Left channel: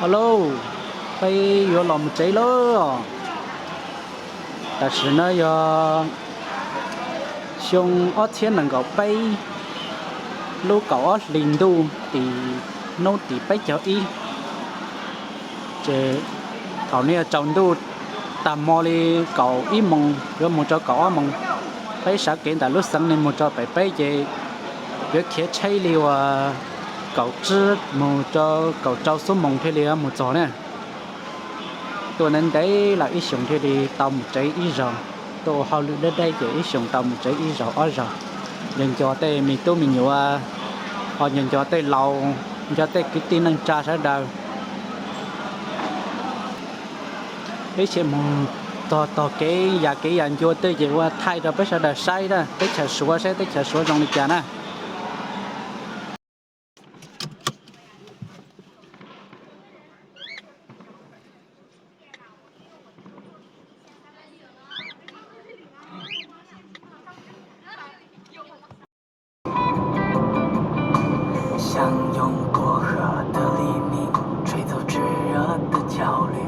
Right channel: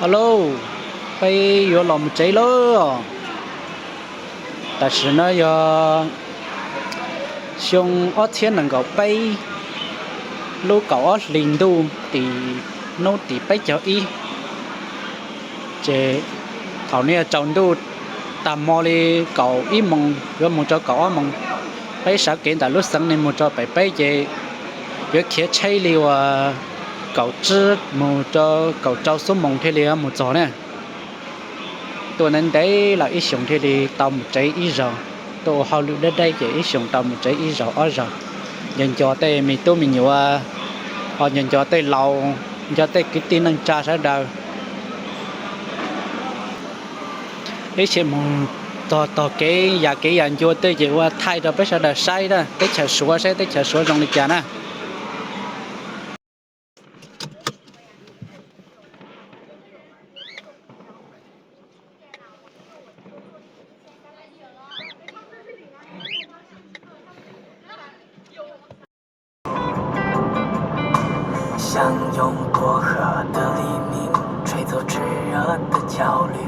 Alo, bây giờ làm cháy lo. Ta chỉ nói giờ xong ở thiên năng cầu bay, lúc cầu ở linh đu thì nó thì bay cho y. Chế thảo này trồng đu tạm mò đi cầu y mong rồi mong cho cầu mong bay sáng kiến tại lúc sáng nên mong cho bay bay chế việc kia chơi liều cầu chứ mong cho cầu trâu số mong thế liều một chỗ nè. Tôi nên đấy là ít dùng thì đi tàu một trái ít rồi tôi hầu đến đây chỉ ít dùng tàu một trái ít rồi ở rồi nhận cho tay mình tôi mình nhiều họ nhận cho tay lâu cho tay cái tin năng tra sẽ đâu đấy chỉ một tờ cái nhà cái nhận cho tay chỉ qua thay rồi bây giờ là sai đó tới chờ số sẽ tới chờ số trong lịch trả nè 相拥薄荷的黎明，吹走炙热的焦虑。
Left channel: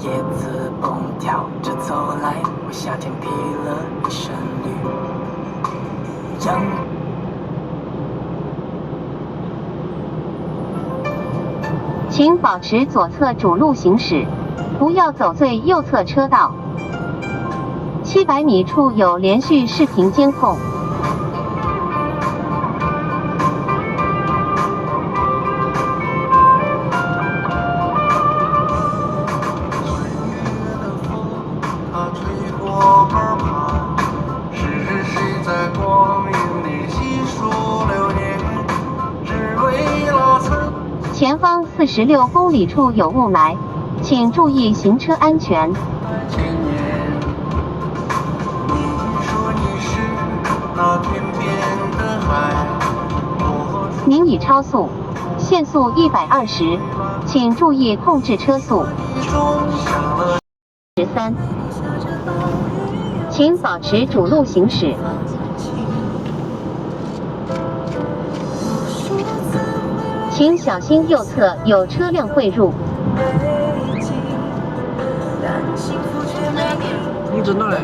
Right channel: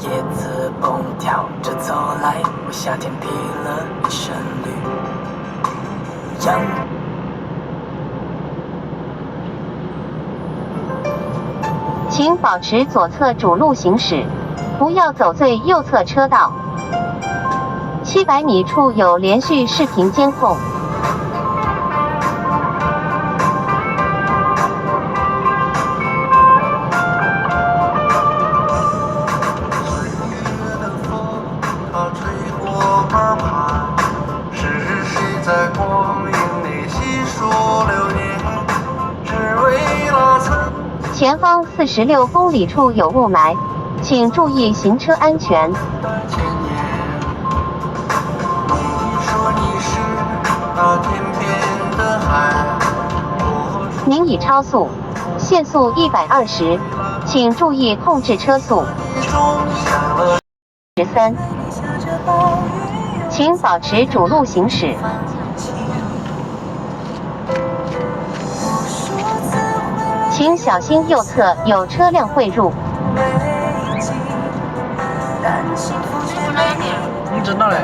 叶子蹦跳着走来，为夏天披了一身绿。请保持左侧主路行驶，不要走最右侧车道。700米处有连续视频监控。前方46公里处有雾霾，请注意行车安全。您已超速，限速120，请注意控制车速。13，请保持主路行驶。请小心右侧有车辆汇入。你知道嘞？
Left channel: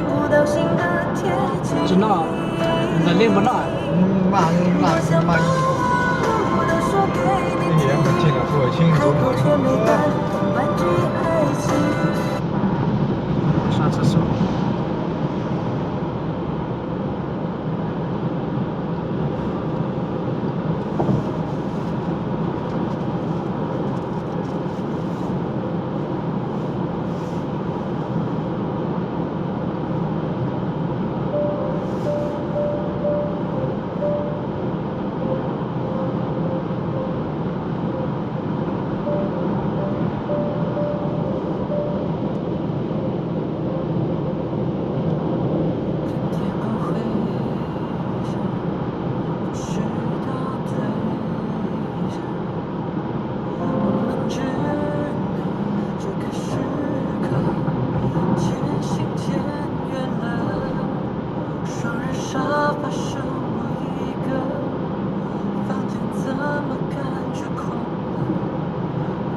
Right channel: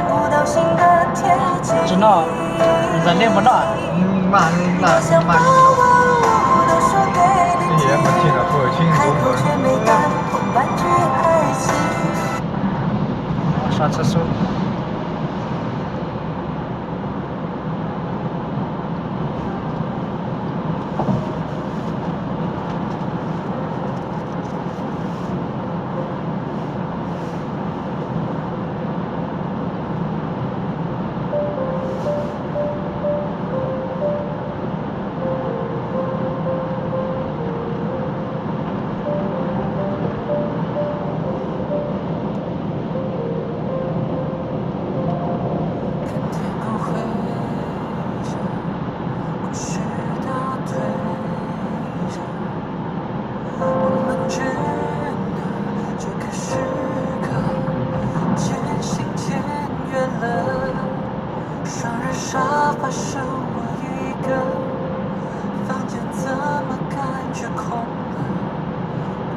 知道？你在练不到？慢。你也没听到说清楚吗？上厕所。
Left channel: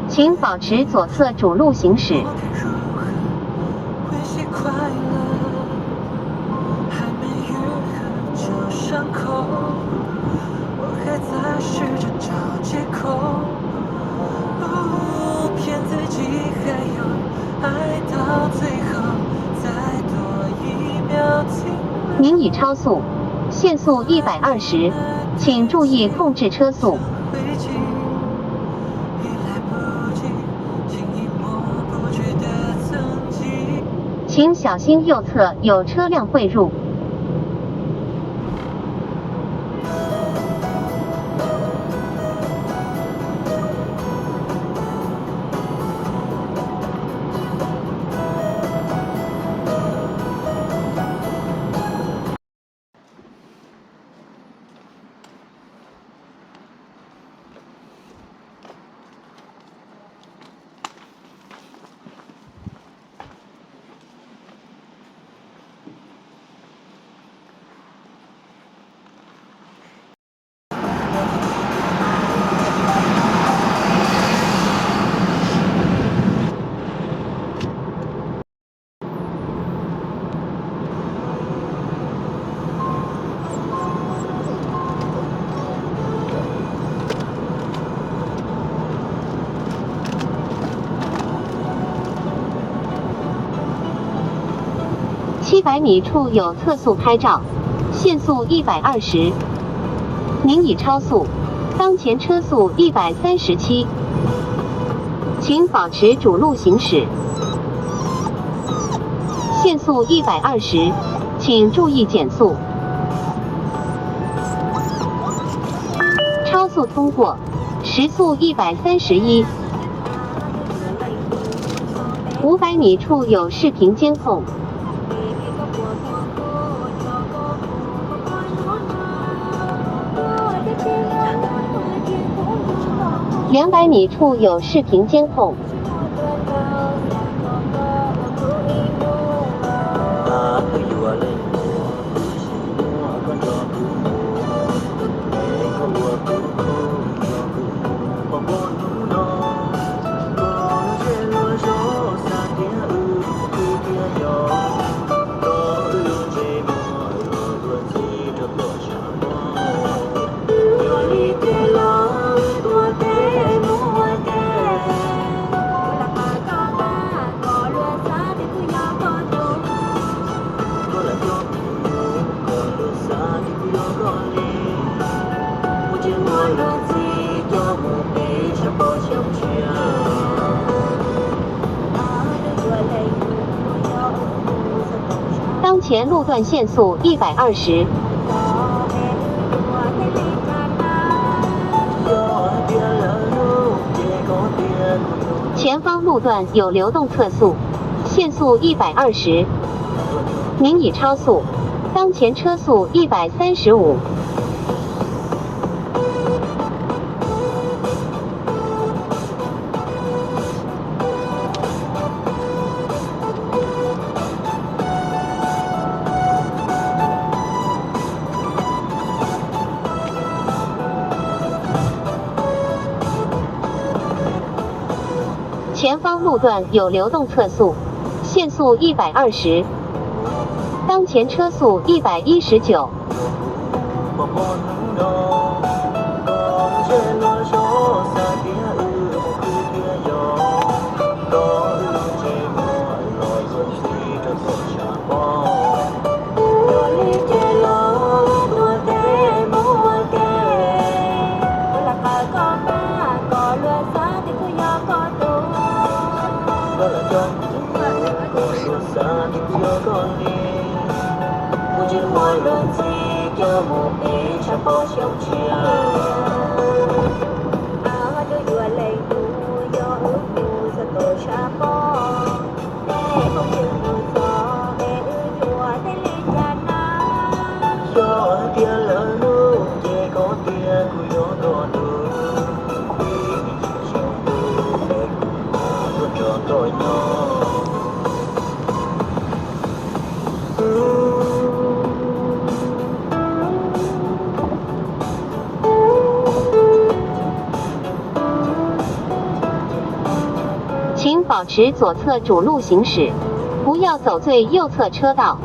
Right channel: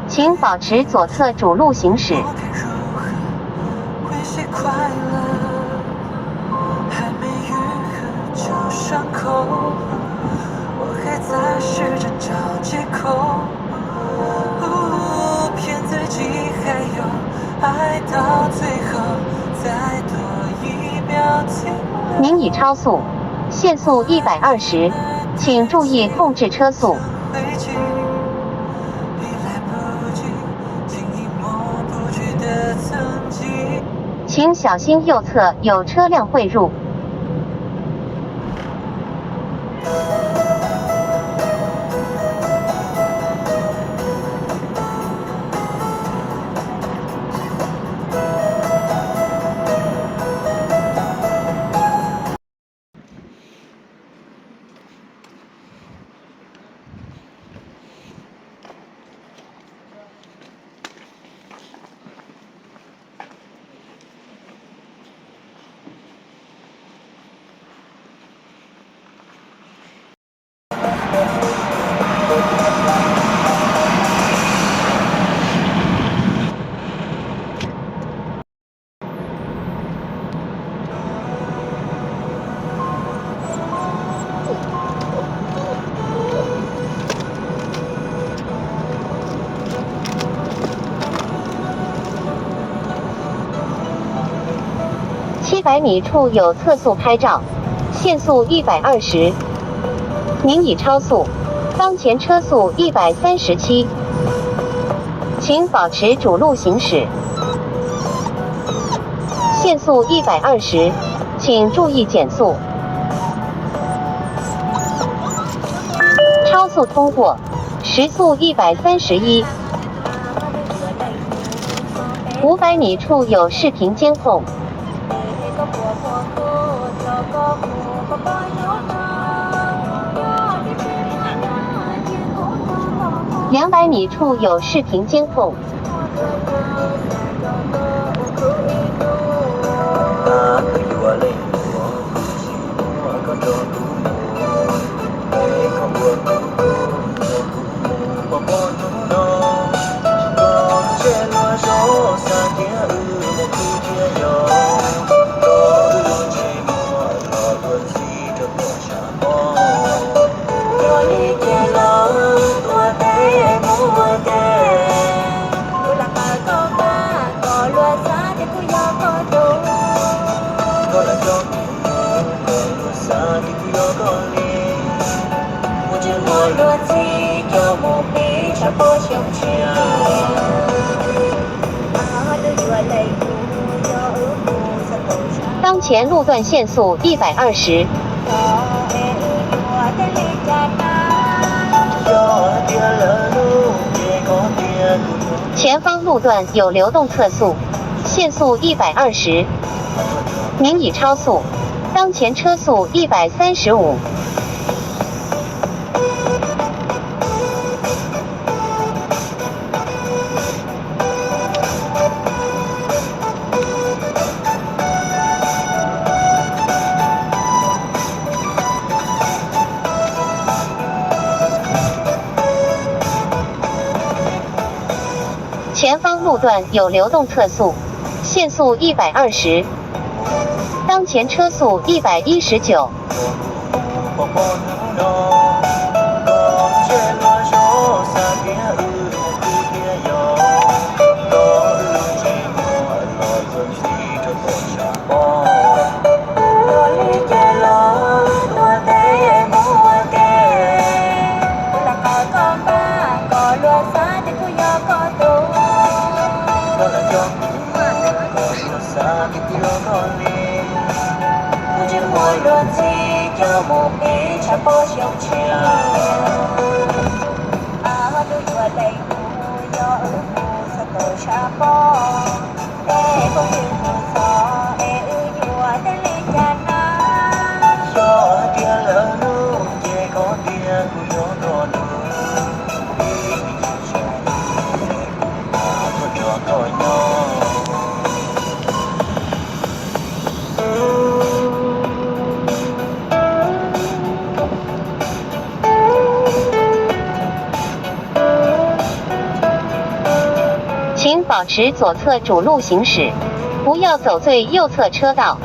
请保持左侧主路行驶。您已超速，限速120，请注意控制车速。请小心右侧有车辆汇入。700米处有测速拍照，限速120，您已超速，当前车速137，请保持主路行驶。限速120，请注意减速。超速通过，时速131。500米处有视频监控。200米处有视频监控。当前路段限速120。前方路段有流动测速，限速120，您已超速，当前车速135。前方路段有流动测速，限速120，当前车速119。请保持左侧主路行驶，不要走最右侧车道。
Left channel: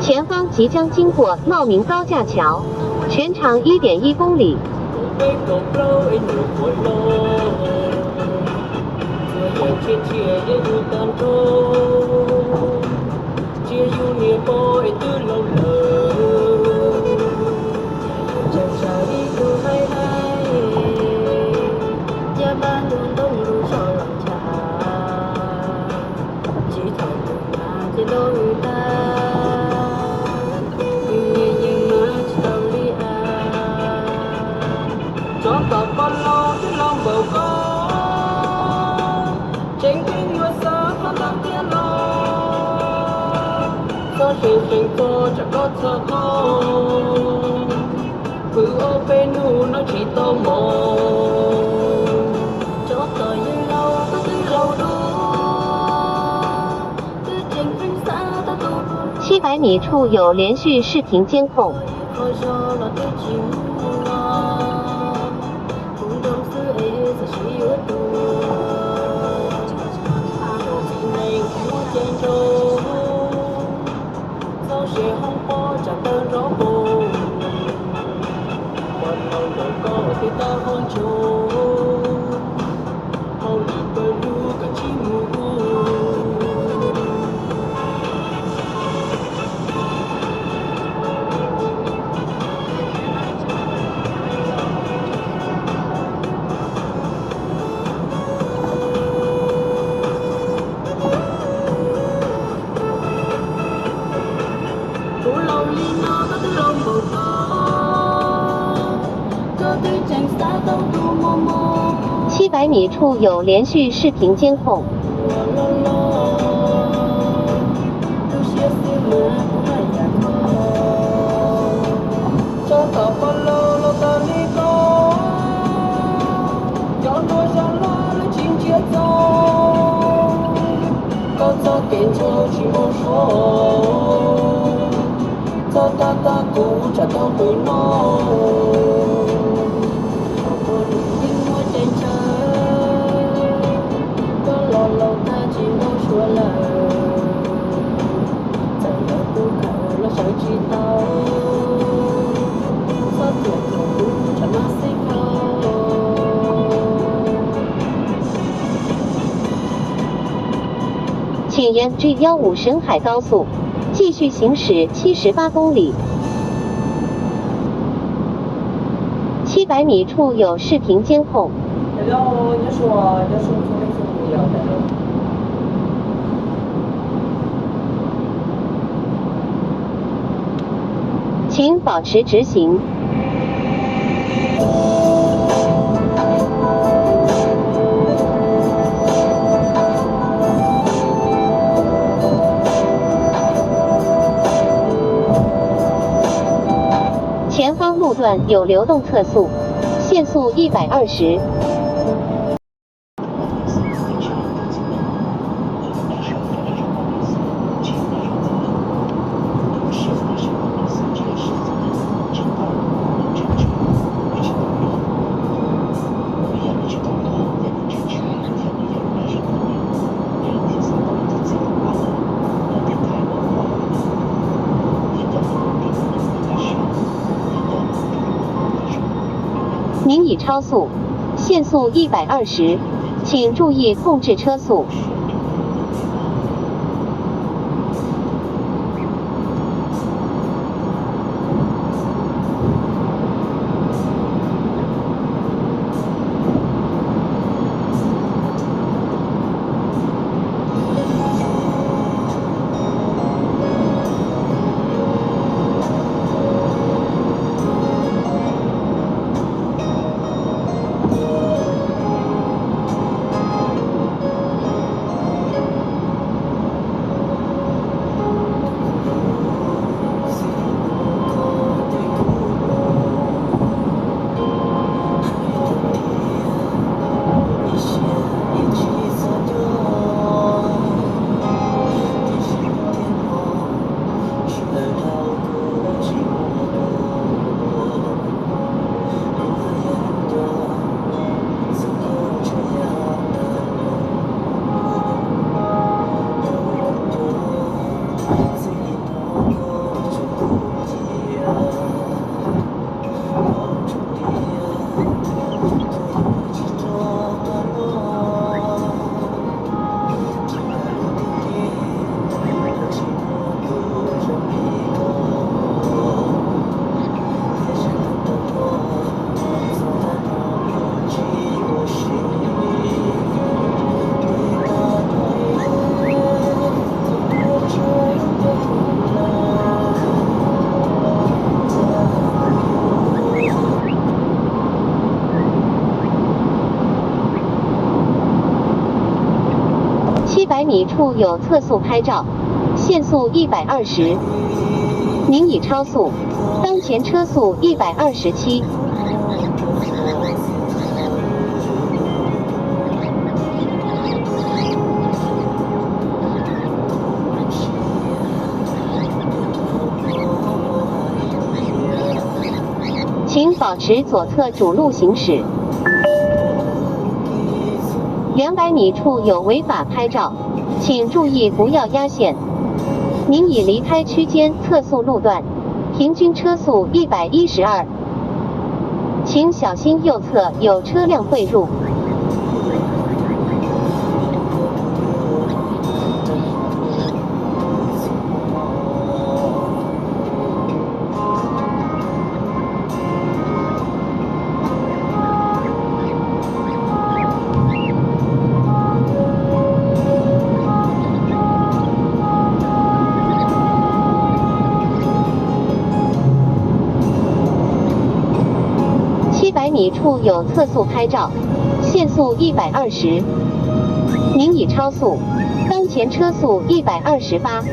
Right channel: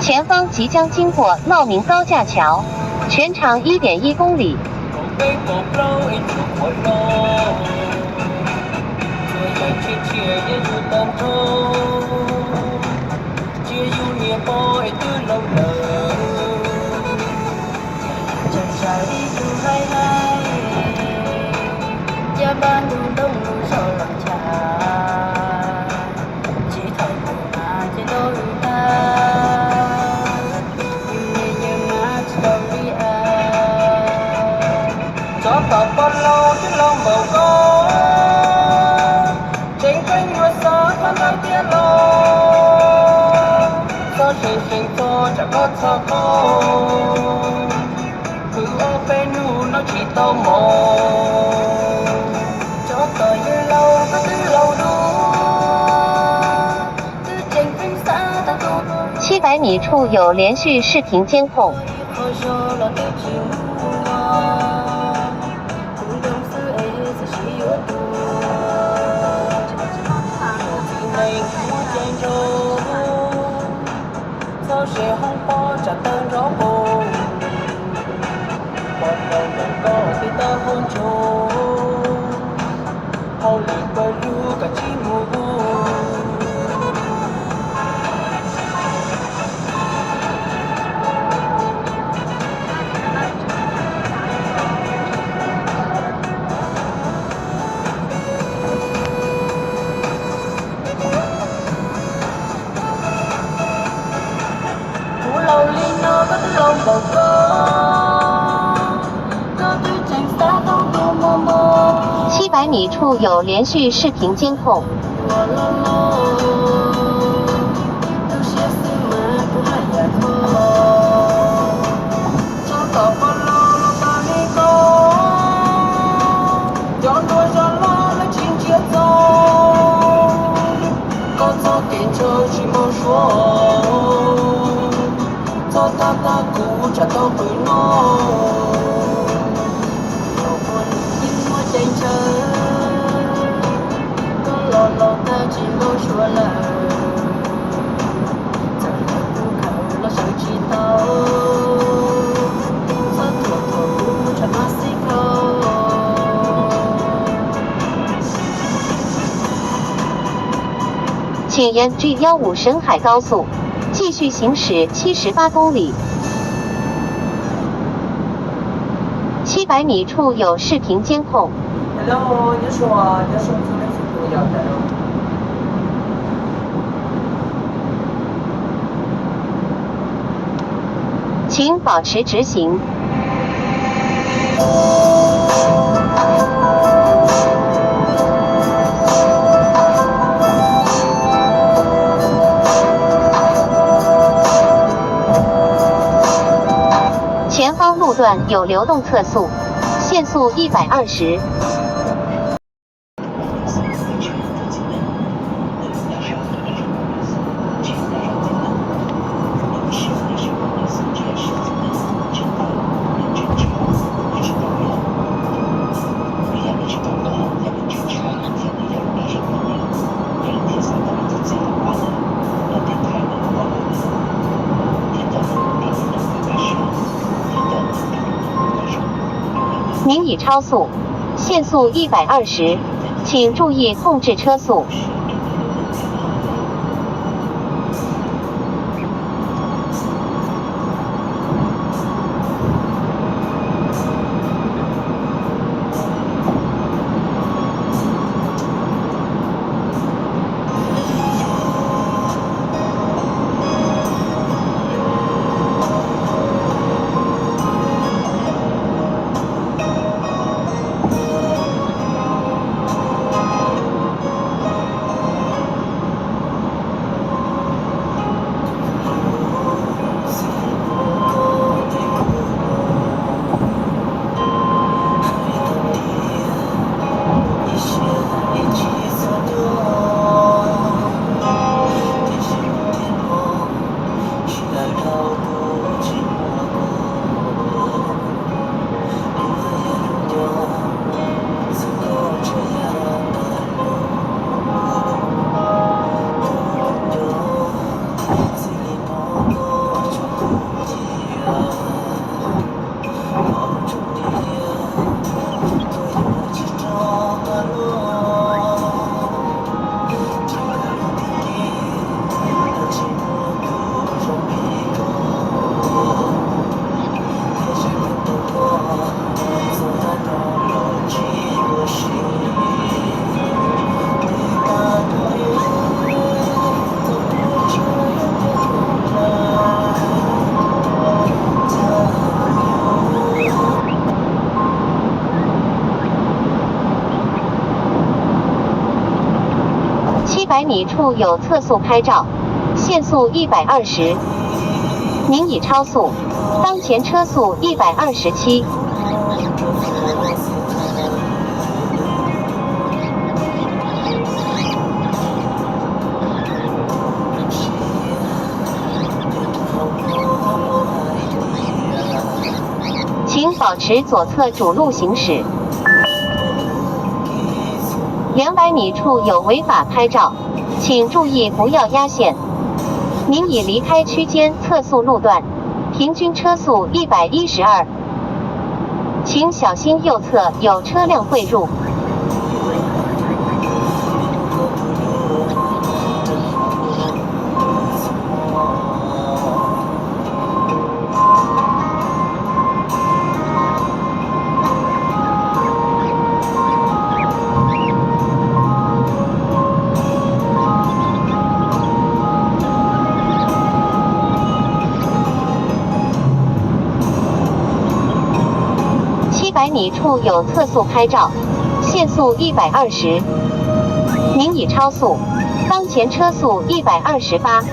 前方即将经过茂名高架桥，全长1.1公里。700米处有连续视频监控。草鞋红火炸的肉包，我冷冷狗的大红酒，好里边有个金木屋。700米处有连续视频监控。请沿 G15 沈海高速继续行驶78公里。700米处有视频监控。Hello， 你说你是不是不一样的？请保持直行。前方路段有流动测速，限速120。您已超速，限速120，请注意控制车速。700米处有测速拍照，限速120。您已超速，当前车速127。请保持左侧主路行驶。200米处有违法拍照，请注意不要压线。您已离开区间测速路段，平均车速112，请小心右侧有车辆汇入。700米处有测速拍照，限速120，您已超速，当前车速128。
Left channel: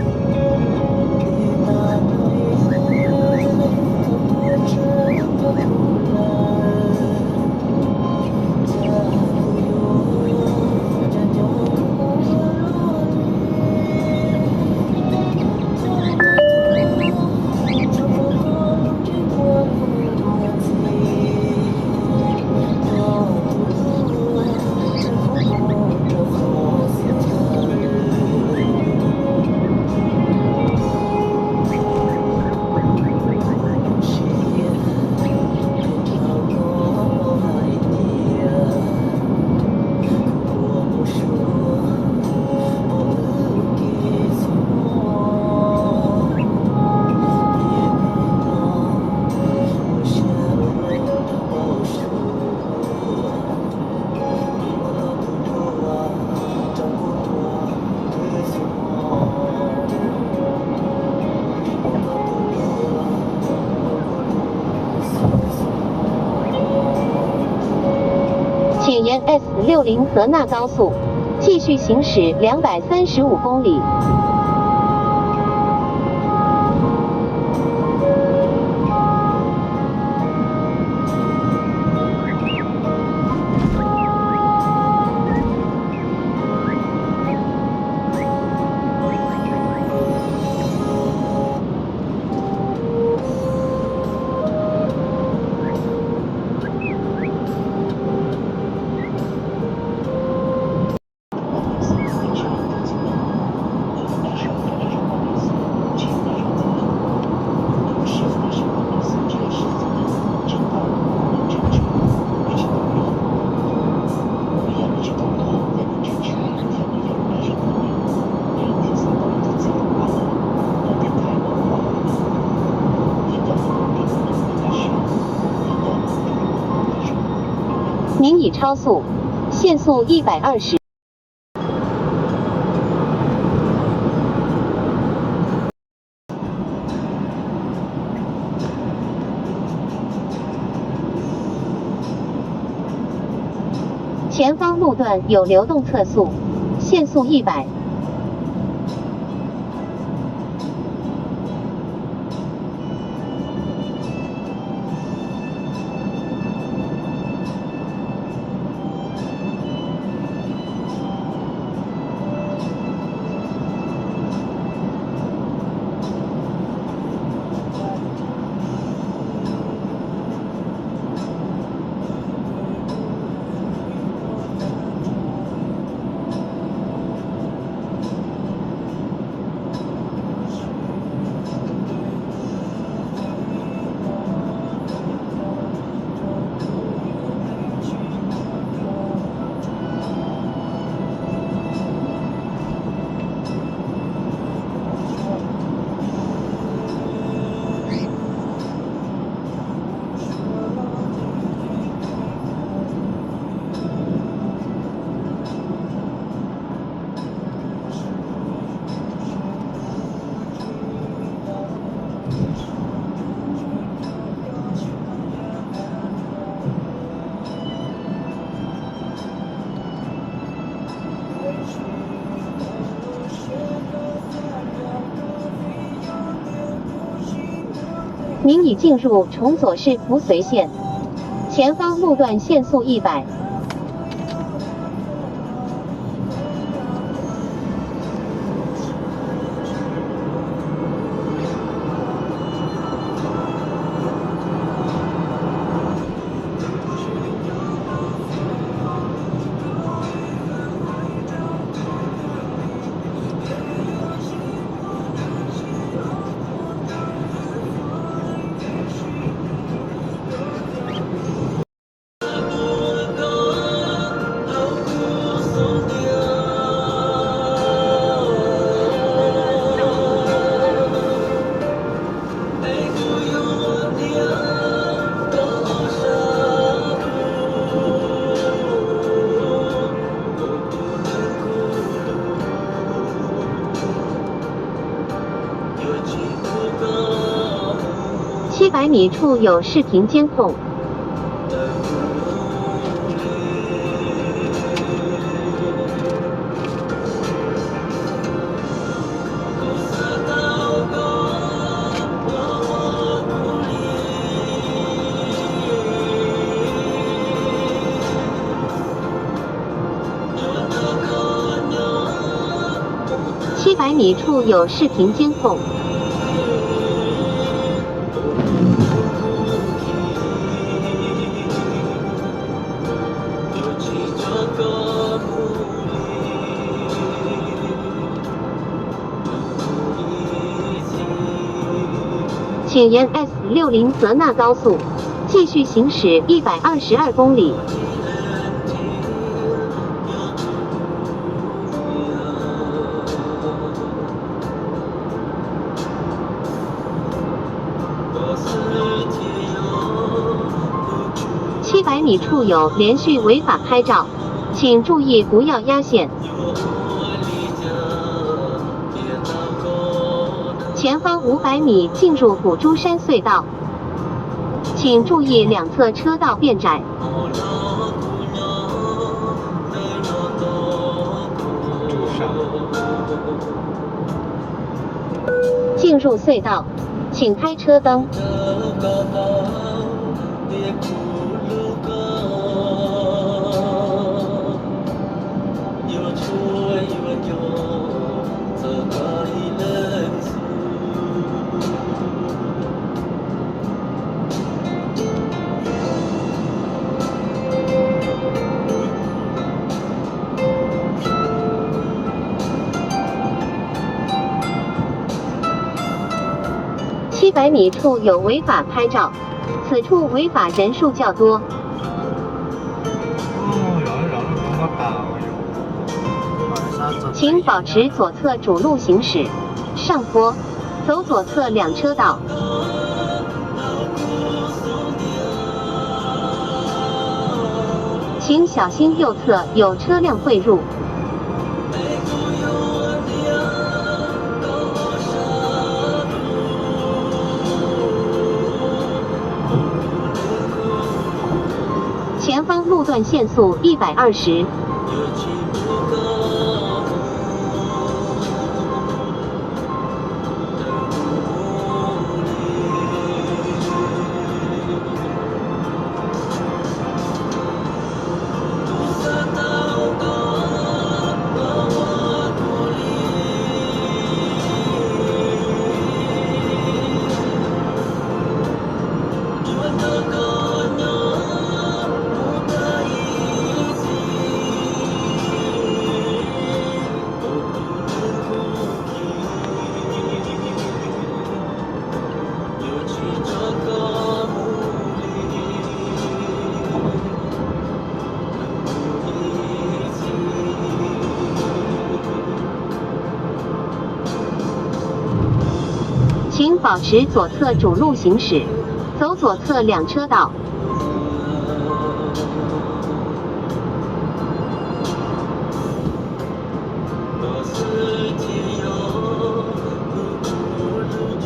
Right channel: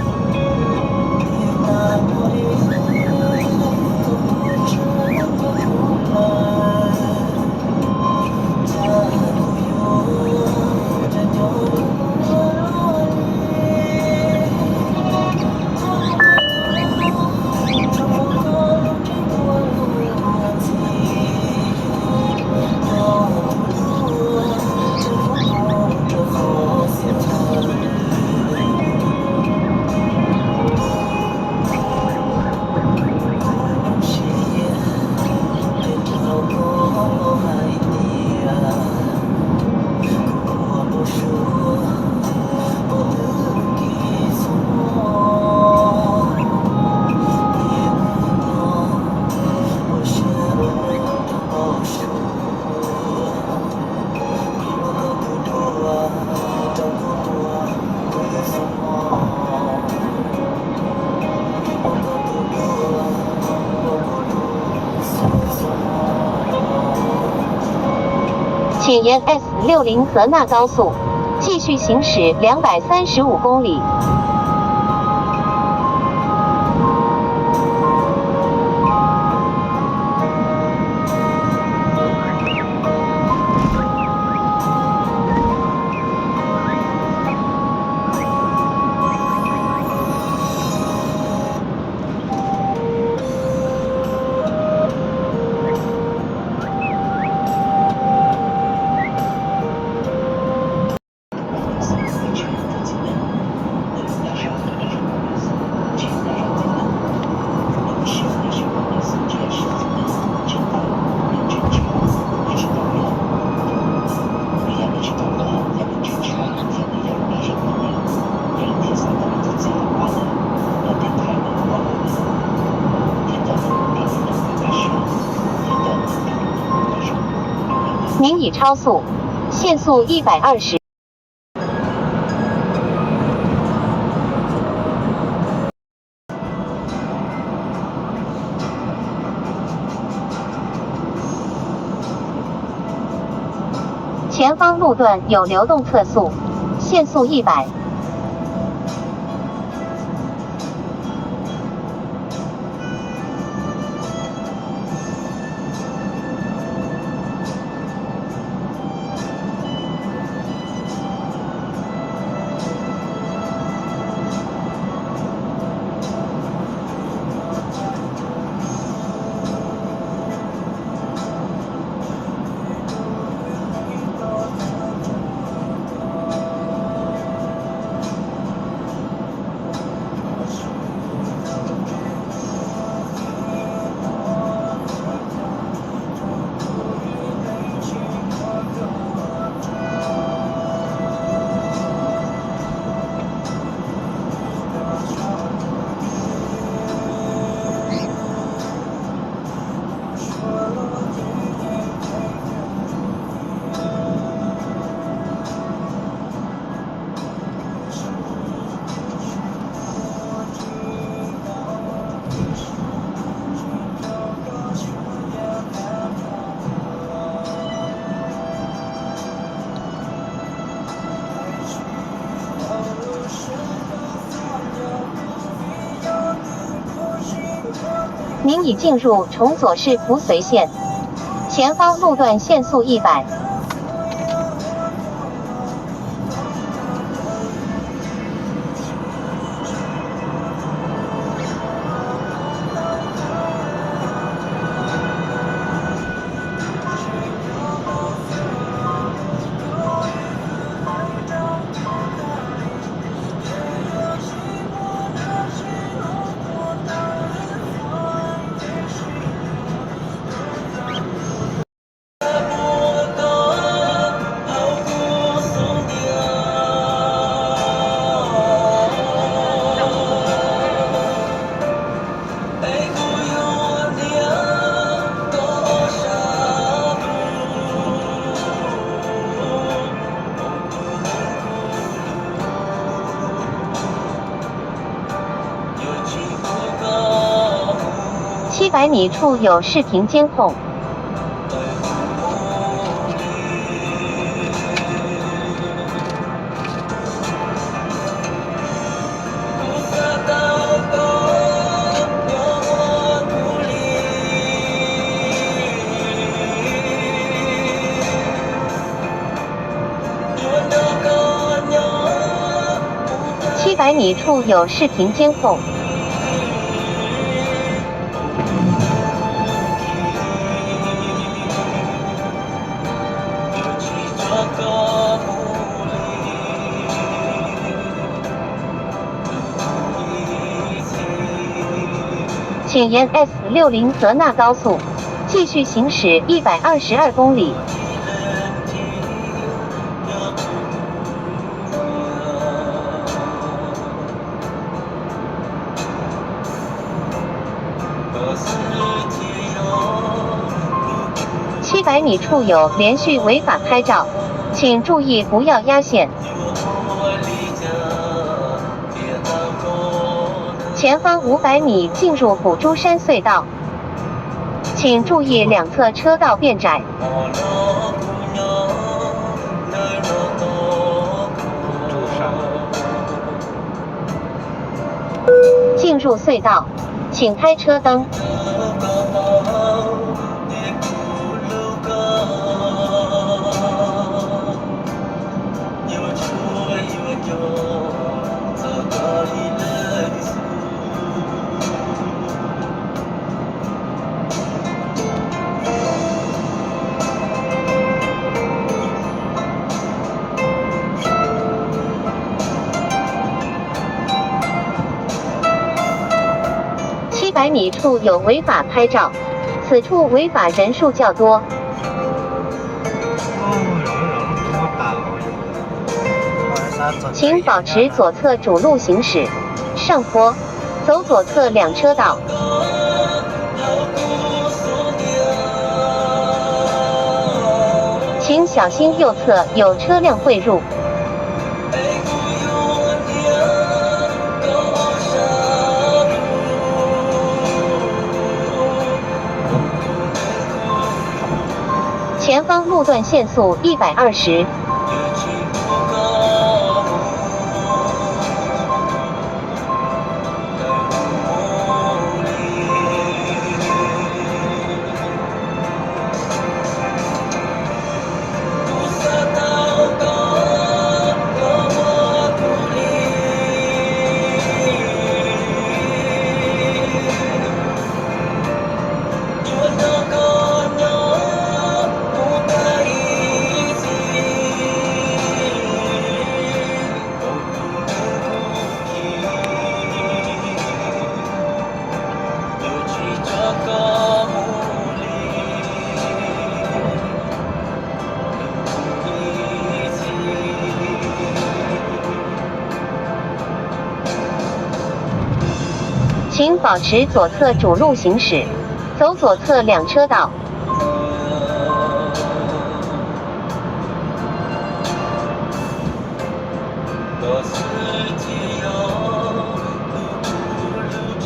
请沿 S60泽纳高速继续行驶235公里。您已超速，限速120。前方路段有流动测速，限速100。您已进入崇左市福绥线，前方路段限速100。700米处有视频监控。700米处有视频监控。请沿 S60泽纳高速继续行驶122公里。700米处有连续违法拍照，请注意不要压线。前方500米进入古珠山隧道，请注意两侧车道变窄。进入隧道，请开车灯。700米处有违法拍照，此处违法人数较多。请保持左侧主路行驶，上坡，走左侧两车道。请小心右侧有车辆汇入。前方路段限速120。请保持左侧主路行驶，走左侧两车道。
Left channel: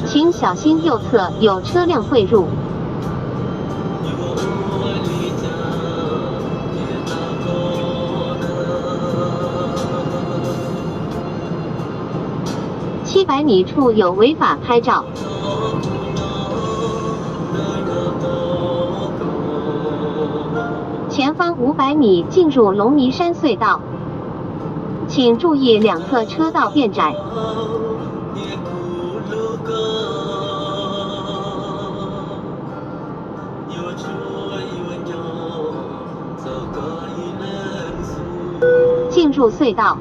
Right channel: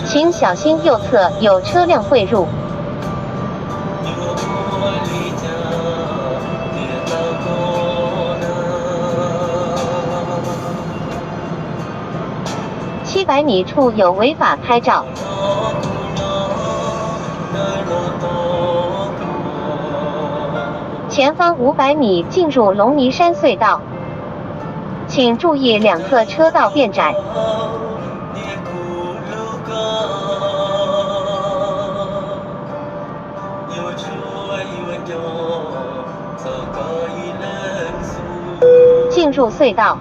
请小心右侧有车辆汇入。700米处有违法拍照。前方500米进入龙尼山隧道，请注意两侧车道变窄。进入隧道。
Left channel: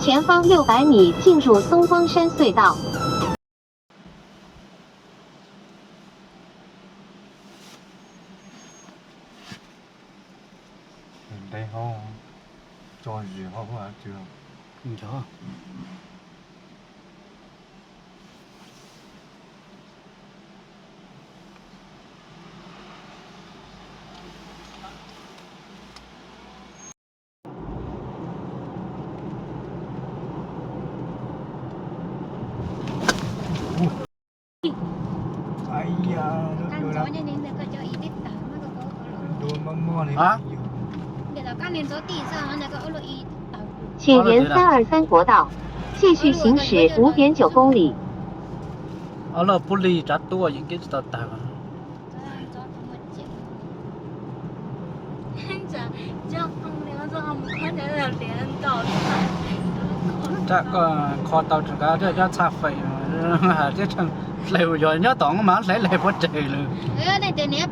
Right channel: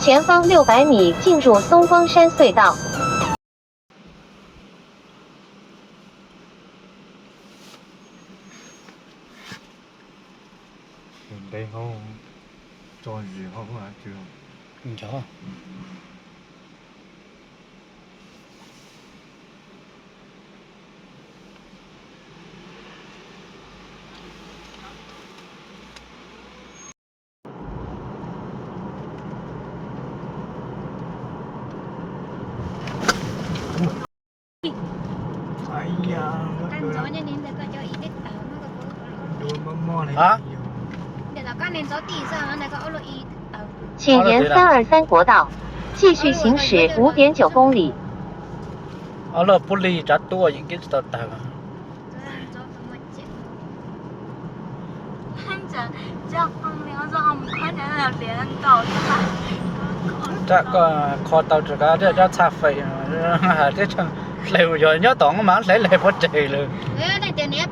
前方600米进入松光山隧道。đây không cho gì không à chưa Không cho. làm gió cho nên là có cho ý biết tao nó có โดนมอเลย để tao các nên gió tỉ sao nó có ô lô ý tao 请沿323国道继续行驶5.9公里。 ở là puli trả tua những cái tờ tờ gió tao mất chết chắc không nếu do không có thể là liền cầu chắc có kho tàu trở ra để ra xa phẩy thế chẳng lều rồi nhớ tổng mà lấy lều bất trời luôn thế này tiền nếp